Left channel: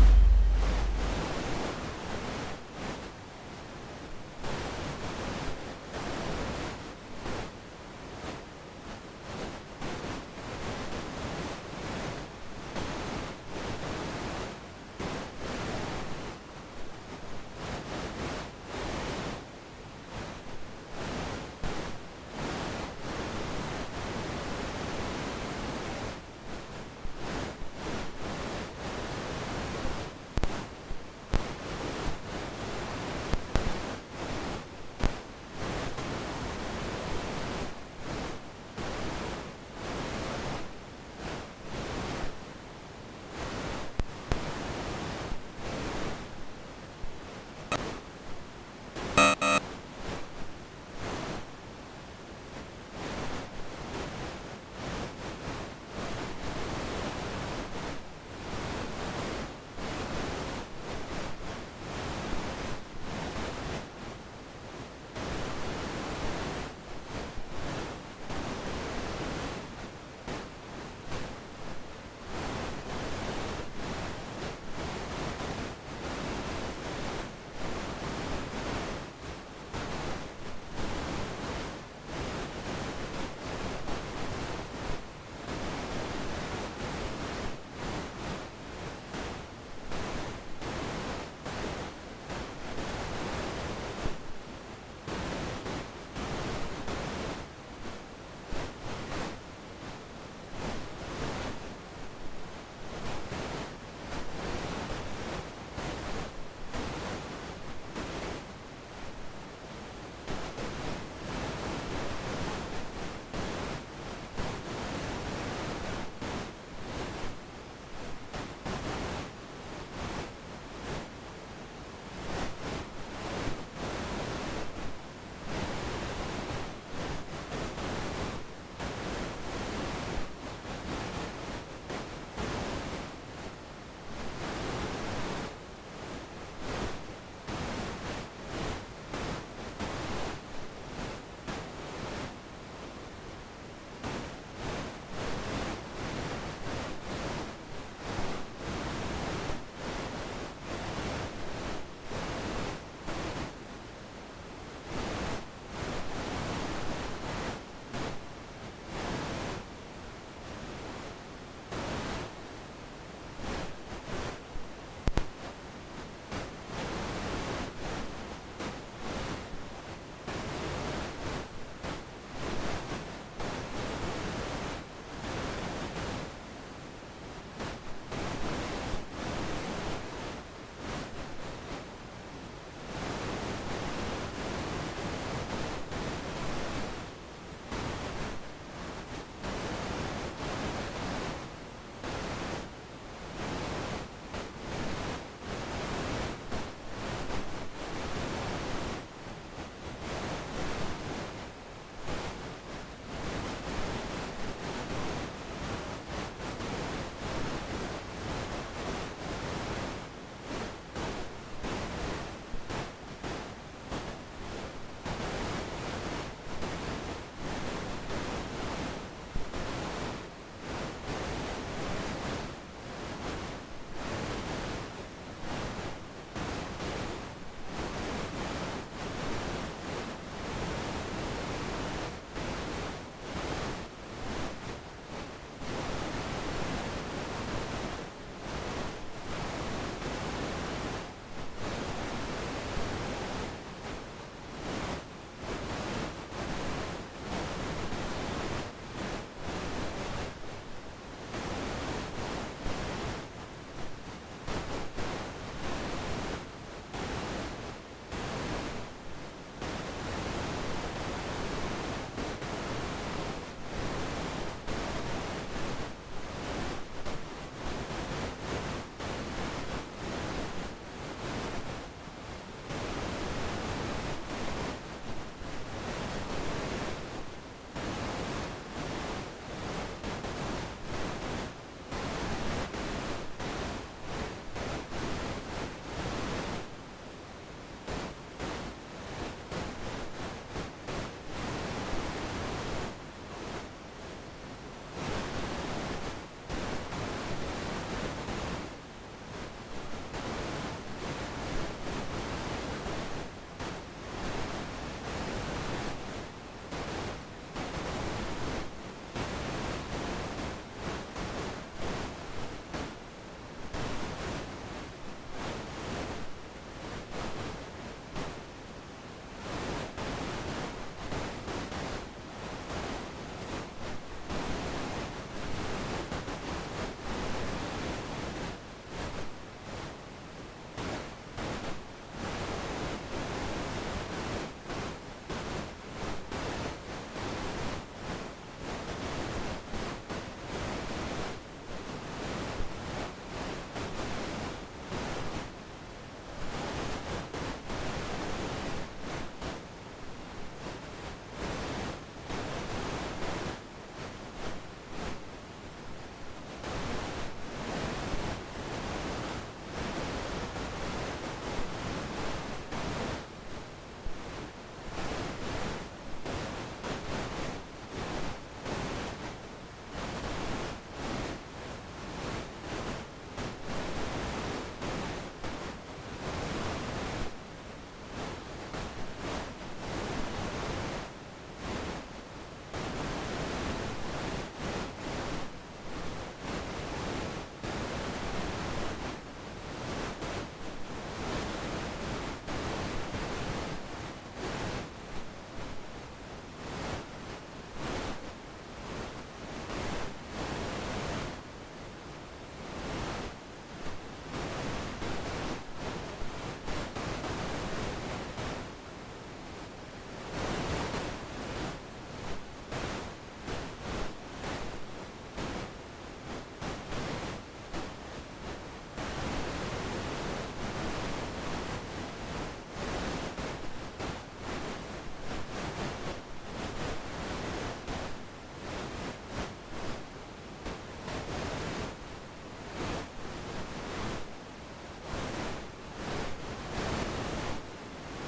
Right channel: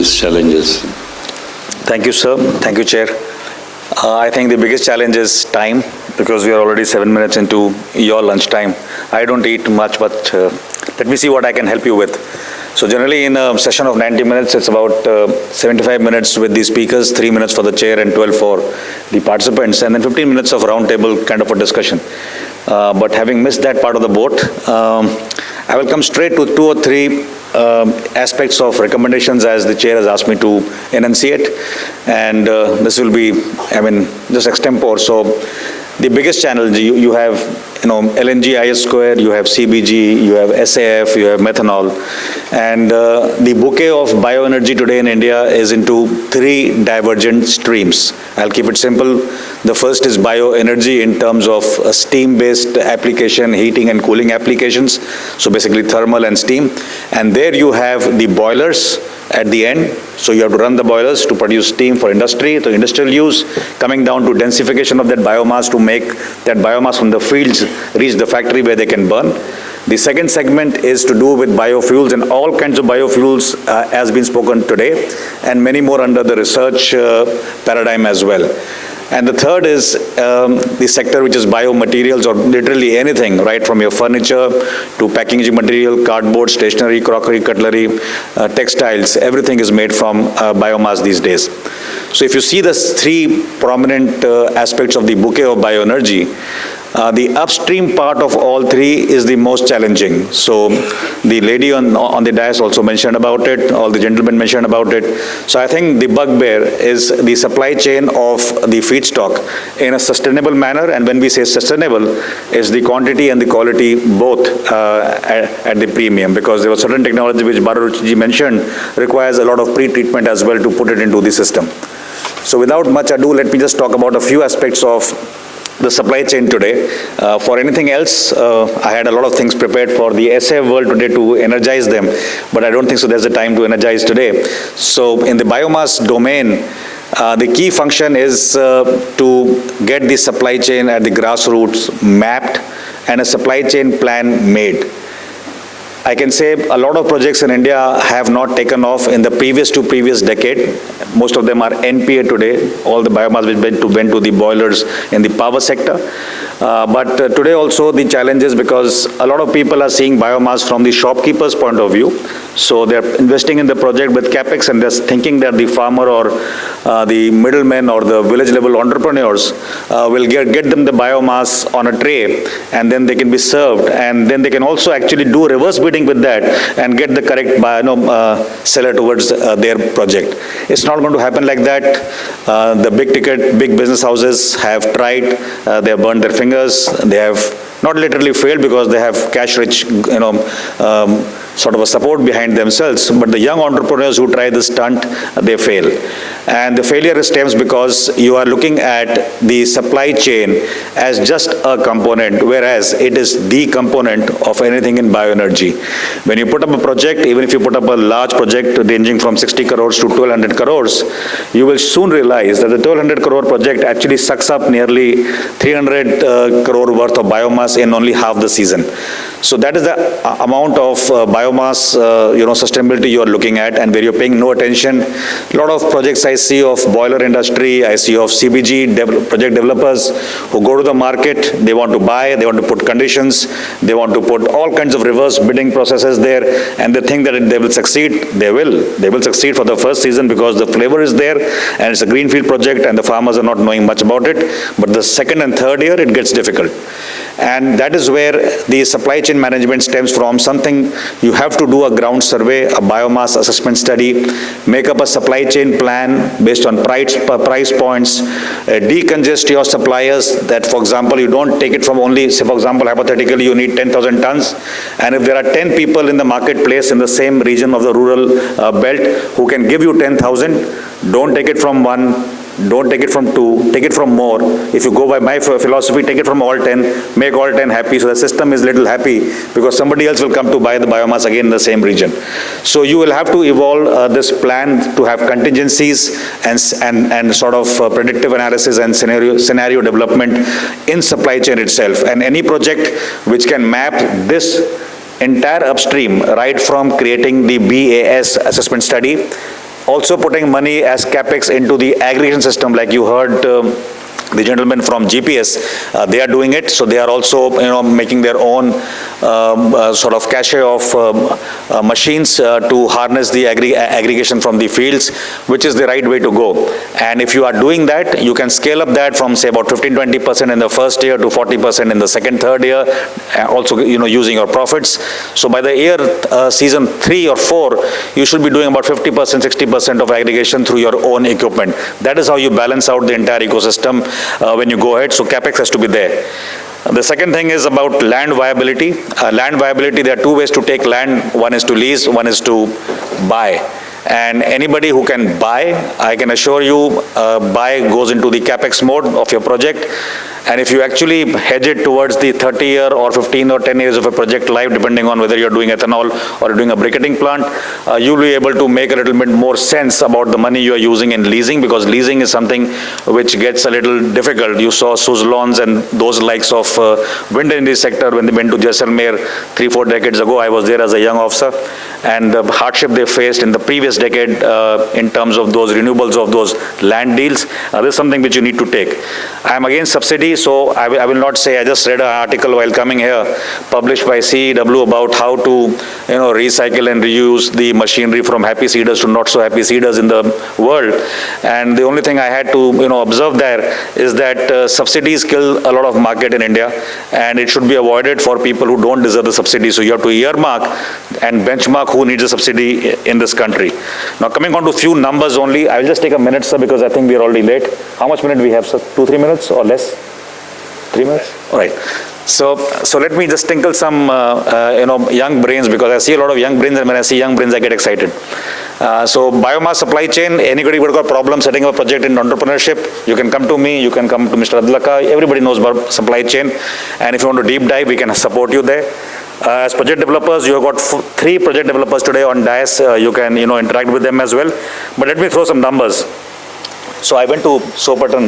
these challenges? Thank you, sir. Thank you, Chair. I think the biggest challenge is time, because we are already 7 minutes into your lunch time. I don't eat much, but let me see what I can help you with. So generally in a session of 90 minutes, it's about 75 minutes with the speakers, 3 minutes for the chair and 12 for the participants, and then 15 minutes of roundtable kind of a discussion. But having missed that part of the boat, I will come straight to 2 or 3 aspects of recommendations as the chair has asked me to enunciate. And this will be, just extempore. So the biggest challenge, you have, LNG IS square, you have CBG, you have SAF, you have methanol. And the bouquet of bioenergy today in India is into 3 divergent streams. I'll keep it simple. The first is bioenergy in terms of steam-based application, heating and cooling applications. So basically thermal and steam. And there you have the boilers at the end. So you have to run the boilers to produce steam for industry, to industrial use, coming down to densification of that biomass to make that biomass from the fields reach the factory where they can burn. The second segment is to do with biofuels, and all kinds of biofuels has been spoken today, and many more under the research paradigm as well. And the third is the sector which is biomaterials, or literally anything, right from your furniture to packaging material, cardboard, stationery, crockery, cutlery, textiles, everything is made from biomass these days. So if you see the 3 prominent aspects of the bouquet of bioenergy, the upstream part of all 3 is the most challenging. So the lady on the dais also mentioned about it, all the gentlemen mentioned about it. So I think the bugbear is the supply chain of the feedstock in a sustainable manner, and when we say sustainable, is the quantity and the quality both at the premium, because there was certain technology which Baruchji mentioned requires a lot of pre-treatment as well to put it into the system. So without much ado, let me just talk about a few aspects of the supply chain today. For anything else, I had a lot of things prepared for the SF world today to energize them, but I don't think so there's a time to energize today. So in the biomass domain, the key function is to get the supply chain at the grassroots mapped and a supply chain plan made. I can say a lot of projects in India have not taken off in the previous decade. Most of them are NPA today, all the biomass which went to the boilers in the power sector. But today also the challenge is because a lot of people are seeing biomass from the shopkeeper's point of view. So they're investing in the project with capex, and they're thinking that the farmer or the middlemen or the village level entrepreneurs will get them the biomass on a tray, and then they can be served, and then they can also actually do reverse bidding with that and get the correct seller towards their project. It's not going to happen like that. The big ticket, big business houses have tried, they have burned their fingers, they have not literally failed because they have cash rich, sort of a support behind themselves, but the young entrepreneurs who try this stunt, they fail. And the failure stems because you are looking at the supply chain as just a component, whereas it is the component of anything in bioenergy. When you put up a project, even if you put up a large project ranging from 60 crores to 1200 crores, you will soon realize that the 1200 crore project actually sucks up nearly 300 crore worth of biomass in only half the season. So that is the amount of biomass, sustainability you are looking at, and where you're paying no attention. A lot of projects I see of boiler industry, I see of CBG project developers who go to the market, they want to buy, they want to put conditions, they want to put all kinds of reverse bidding processes there, and they think that they will succeed. They will succeed for the first season because the flavor is there, and it's a greenfield project, and the farmers are not knowing much about it. But the second and third year, it gets difficult. And that is where the supply chain management stems from. Something you have to do a ground survey, a biomass assessment study, make up a supply chain plan based on price points, decongest your suppliers that, for example, you don't take it from only, say, for example, hypothetically, you need 10,000 tons. And if there are 10 people in the marketplace in the same region of the rural belt who can give you 10,000, don't take it from one. Don't take it from 2, take it from more. If you go by my philosophy, take it from all 10, make all 10 happy, so the system is little happy because somebody else will come to buy the biomass again in the same region. So you will have to evolve this plan to have contingencies and sort of predictive analysis and scenario development in supply chain itself. And any project which can map this entire upstream, right from creating the BAS assessment study, also putting money as capex into the aggregation system, like you heard the gentlemen from GPS, they are doing it. So they are also, making their own sort of cache of machines to harness the aggregation from the fields, which is the right way to go. And if you are doing that, you can scale up that from say about 15-20% in the first year to 40% in the second, third year, also using your profits. So by the year season 3 or 4, you should be doing about 50%, 60% of aggregation through your own equipment. That is how you balance out the entire ecosystem when you go ahead. So capex has to be there. The second thing is about land viability. Land viability, there are two ways to take land. One is to lease, one is to buy. And anybody who can buy, I can assure you, buy goes into the capex mode of your project. And if you actually hedge it towards the 30-year or 15 or 10 years of a project life, depending on whether you're doing ethanol or you're doing a briquetting plant, you'll be able to make a little bit more sense about the money you're using in leasing, because leasing is something which gets a little difficult. You saw Suzlons and those likes of wind energy sector when they went to Jaisalmer 3-4 decades ago. I was there as a young officer, and the hardship they faced in the previous decade in terms of those renewables of those land deals, this is something which you need to take. I'm against subsidy, so I will not say. I just read an article while coming here, published by CEW, about how to recycle and reuse the machinery from happy seeders to not so happy seeders in the world. And the only thing I had to observe there is that subsidies kill a lot of market in India, and it should be avoided for people who don't deserve the subsidy. So you have to earmark and benchmark who needs a subsidy in this country. Now coming on to few numbers only, I will just take a minute, sir, because I think we are already late. How much minute we have, sir? 2-3 minutes or less? 3 minutes? All right. So let me just tinkle some young brains, because I see a lot of young brains, and when I see young brains, I get excited. So biomass supply chain, anybody who got a problem setting up a project in entrepreneurship, you can come to me, you can come to Mr. Adlaka. Everybody knows about supply chain, and if you want to deep dive, we can support you there. As project developers, you have got 3 project developers today on DIAS. You can interact with them as well. But let me throw some numbers. So I went to Soperton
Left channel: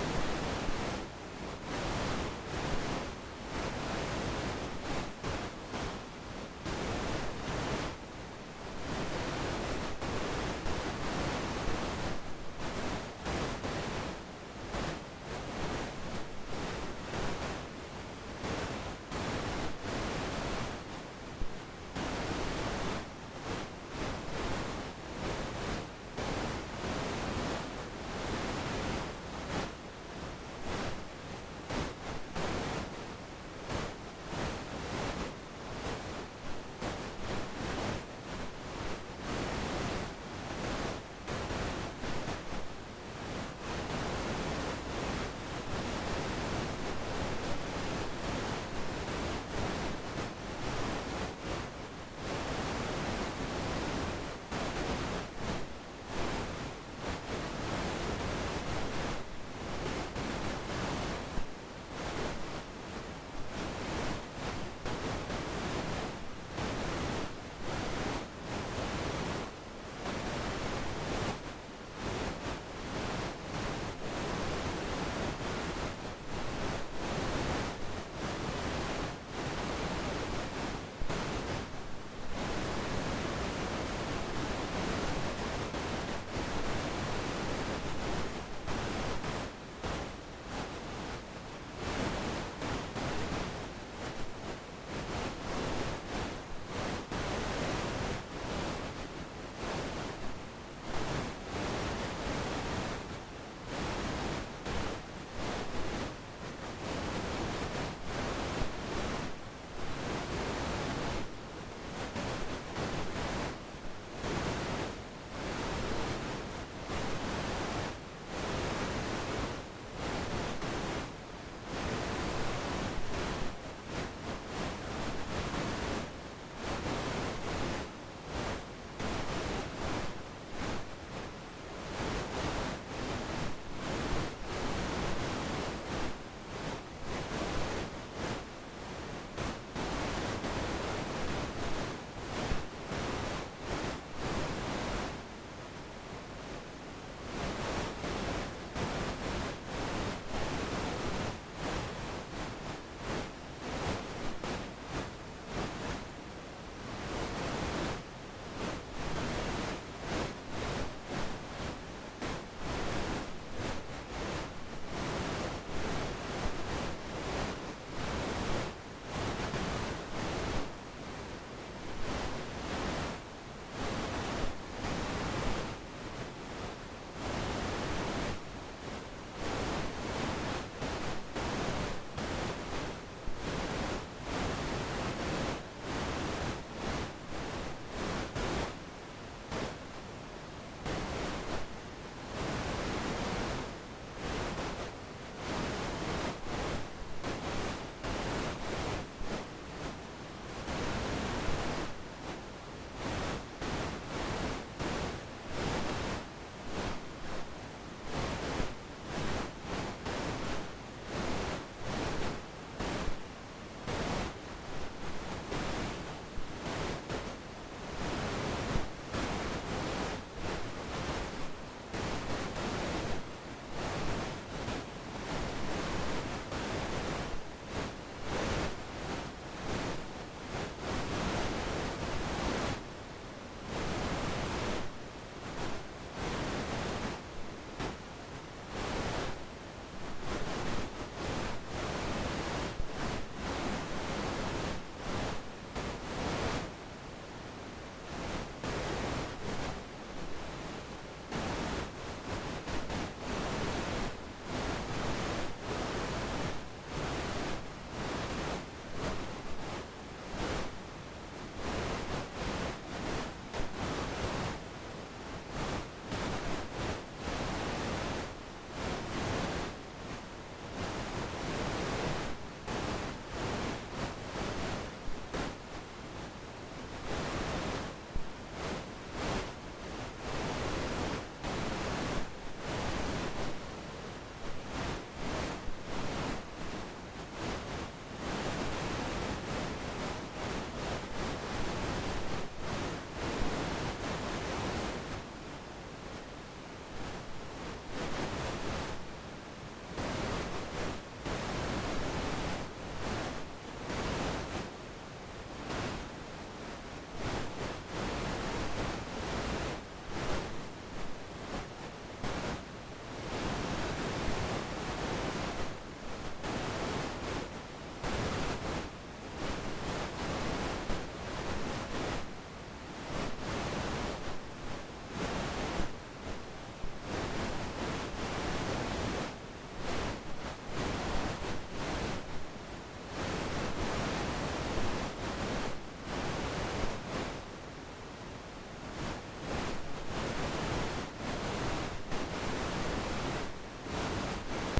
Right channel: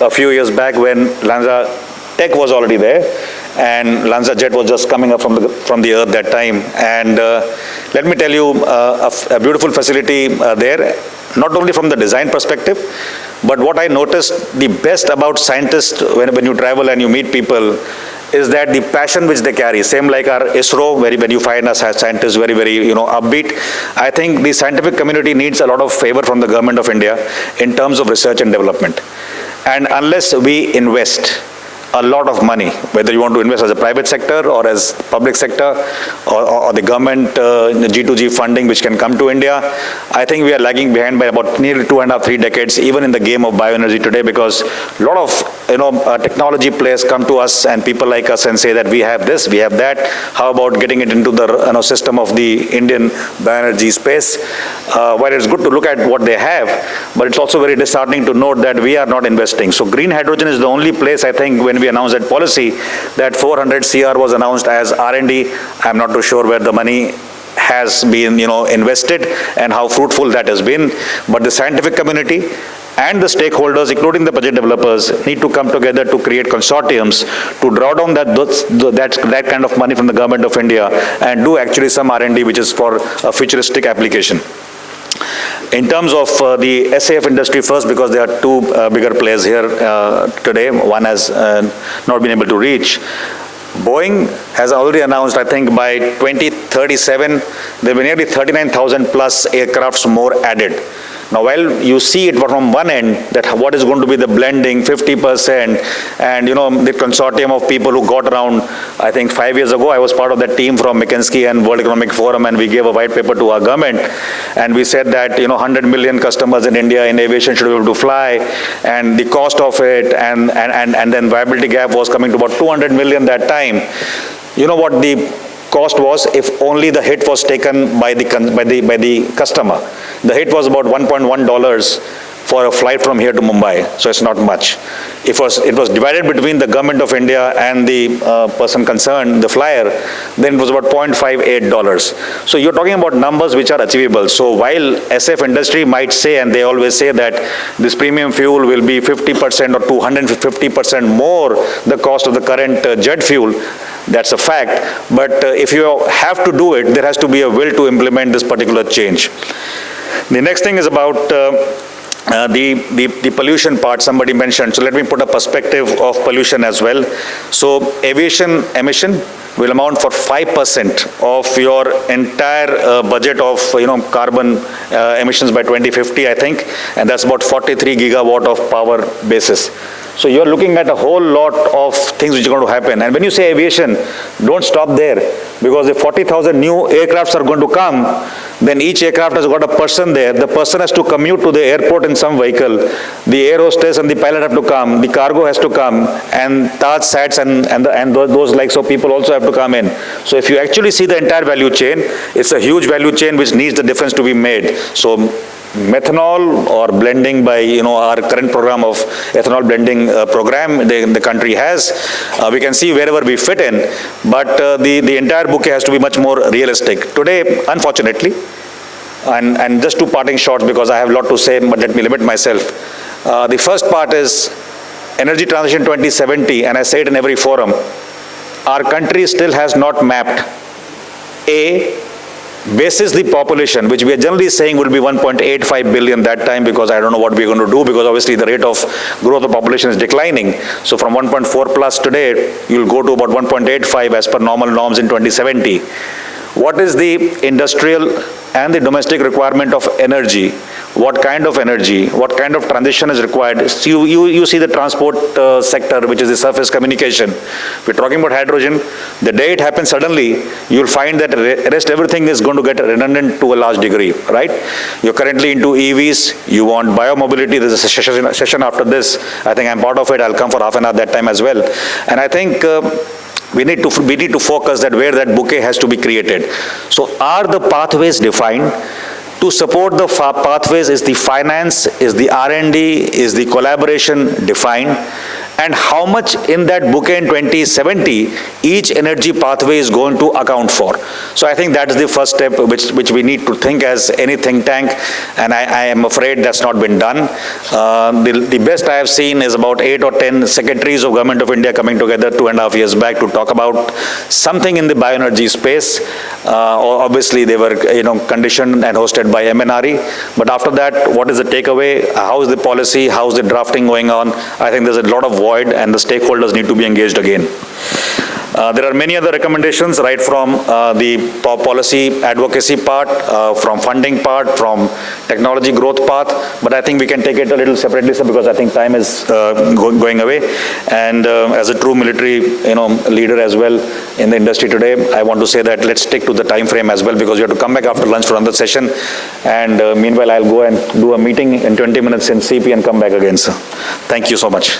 a few years back when Lanza Tech was already there, and Lanza Jet was just coming up from the earth that time. And let me tell you, a beautiful facility there, not only from the design perspective, but what I noticed the best about scientists when you travel and you meet people is that the passion which they carry, same like our ISRO, when you find us as scientists very, very, upbeat. I think the scientific community needs a lot of favor from the government of India in terms of research and development. And unless we invest a lot of money, whether you want to invest as a private sector or as public sector or the government G2G funding which can come to India, I think we are lagging behind by about nearly 2.5-3 decades, even in the game of bioenergy today, because a lot of technology players come to us and people like us and say that we have this, we have that. How about getting it into the system of the Indian bioenergy space? While it's good to look at what they have, but it's also very disheartening to note that we are not investing. So green hydrogen is the only place, I think, when we announced that policy, that 400 CR was announced as R&D. I'm not too sure where the money has been, invested and how fruitful that has been. But the scientific community and the stakeholders, including the project developers, need to come together to create consortiums to draw down that kind of money from the government of India and do actually some R&D which is for a futuristic application. In terms of the SAF industry first, because there are 2 bigger players here today, one has not been able to reach. Boeing has already announced, I think by 2037, there will be nearly 39,000 plus aircrafts more added. Now, while you see it from one end, that what is going to be the blending, 50%, and the consortium of people who got around, I think 5 years ago, I was part of that team from McKinsey and World Economic Forum, and we gave a white paper to our government, and we said that 100 million customers in India in aviation should be able to fly, and the cost of it, and then viability gap was coming to about 200 million that time. You know what the cost was if only the hit was taken by the customer? The hit was about $1.1 for a flight from here to Mumbai, so it's not much. It was divided between the government of India and the person concerned, the flyer, then it was about $0.58. So you're talking about numbers which are achievable. So while SF industry might say, and they always say that this premium fuel will be 50% or 250% more the cost of the current jet fuel, that's a fact. But if you have to do it, there has to be a will to implement this particular change. The next thing is about the pollution part somebody mentioned. So let me put a perspective of pollution as well. So aviation emission will amount for 5% of your entire budget of carbon emissions by 2050, I think, and that's about 43 gigawatt of power basis. So you're looking at a whole lot of things which are going to happen. And when you say aviation, don't stop there, because if 40,000 new aircrafts are going to come, then each aircraft has got a person there. The person has to commute to the airport in some vehicle. The air hostess and the pilot have to come. The cargo has to come, and Taj Sats and those likes of people also have to come in. So if you actually see the entire value chain, it's a huge value chain which needs the difference to be made. So methanol or blending by our current program of ethanol blending program the country has, we can see wherever we fit in, but the entire bouquet has to be much more realistic. Today, unfortunately, and just two parting shots because I have a lot to say, but let me limit myself. The first part is Energy Transition 2070, and I say it in every forum. Our country still has not mapped basis the population, which we are generally saying will be 1.85 billion that time, because I don't know what we're going to do, because obviously the rate of growth of population is declining. So from 1.4 plus today, you'll go to about 1.85 as per normal norms in 2070. What is the industrial and the domestic requirement of energy? What kind of energy, what kind of transition is required? So you see the transport sector, which is the surface communication. We're talking about hydrogen. The day it happens suddenly, you'll find that rest everything is going to get redundant to a large degree, right? You're currently into EVs. You want biomobility. There's a session after this. I think I'm part of it. I'll come for half an hour that time as well. And I think we need to focus that where that bouquet has to be created. So are the pathways defined? To support the pathways, is the finance, is the R&D, is the collaboration defined? And how much in that bouquet in 2070 each energy pathway is going to account for? So I think that is the first step which we need to think as any think tank, and I am afraid that's not been done. The best I have seen is about 8 or 10 secretaries of Government of India coming together 2.5 years back to talk about something in the bioenergy space. Obviously they were conditioned and hosted by MNRE, but after that, what is the takeaway? How is the policy? How is the drafting going on? I think there's a lot of void, and the stakeholders need to be engaged again. There are many other recommendations, right from the policy advocacy part, from funding part, from technology growth path, but I think we can take it a little separately, sir, because I think time is going away. And as a true military leader as well in the industry today, I want to say that let's stick to the time frame as well, because we have to come back after lunch for another session. And meanwhile, I'll go and do a meeting in 20 minutes in CP and come back again, sir. Thank you so much.